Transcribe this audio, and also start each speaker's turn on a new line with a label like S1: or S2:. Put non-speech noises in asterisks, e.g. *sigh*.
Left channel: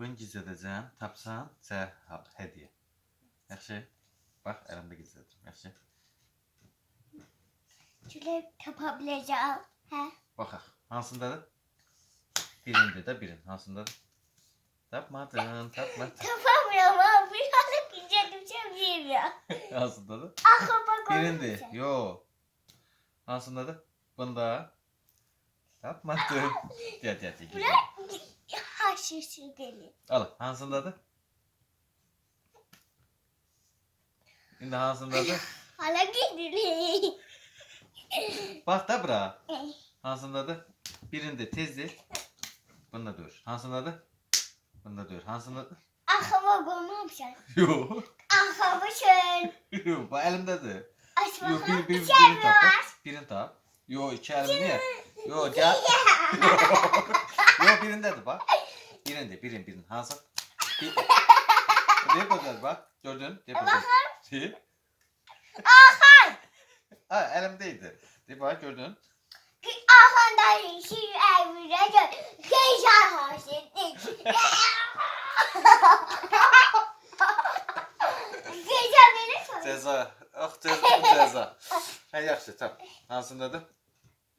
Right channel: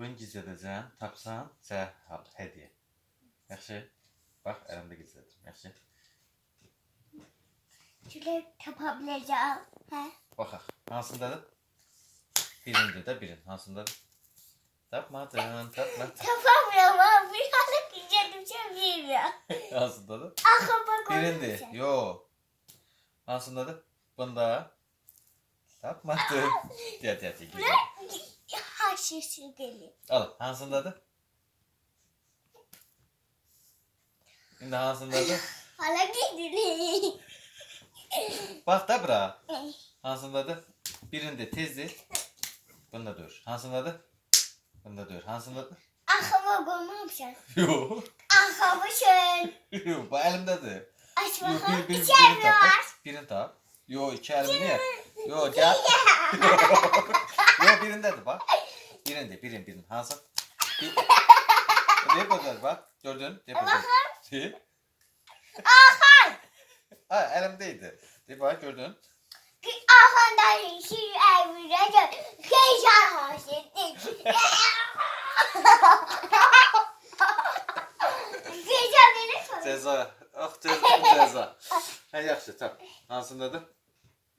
S1: Bugün gizlədəcəm. Tapsan sənə hədiyyə. Yaxşı? Bax, əlimdə gizlədirəm. Yaxşı?
S2: Şöyle yapabileceğim. He.
S1: Baxaq. Hansındadır? Birində də birin. Hansındadır? Tapmadın, tapmadın.
S2: Yapamıyorum ama birazcık gücelim sevmiyorum ya. *laughs*
S1: Hansındadır?
S2: Aklıma
S1: Birindi. Yo. Hansındadır? Bunda. Tapmadın. *laughs* Gəl, gəl, gəl. gəl.
S2: Haşışı deli.
S1: Al, hansındadır? İndi hansındadır? *laughs*
S2: Hala gidili.
S1: Bax da bura. *laughs* Hansındadır? Birində tezdir. Bunda dur. Hansındadır? Bunda dur. Hansındadır?
S2: Aklıma koymamışım. *laughs*
S1: Yo.
S2: Aklıma şöyle.
S1: Yo, bu əlimdədir.
S2: Aç
S1: Yo, bir,
S2: bakalım.
S1: bir,
S2: İçer mi var?
S1: bak. Birini tap. Yo, iki əlim niyə? Yo, gəl. Yo, birindədir bax. Birində, birin, birin. Bir... Ne qoyacaq bax? Gördün? Bax. De.
S2: Ahan.
S1: Ha, əlimdə De bax, gördün?
S2: Ahan'dan şu evine gör. Geyşan haşettik. Geyşan *laughs* beni soruyor.
S1: Cəza. Ax, cəza, cəza. Hə, yaxşı, tap. Hansındadır?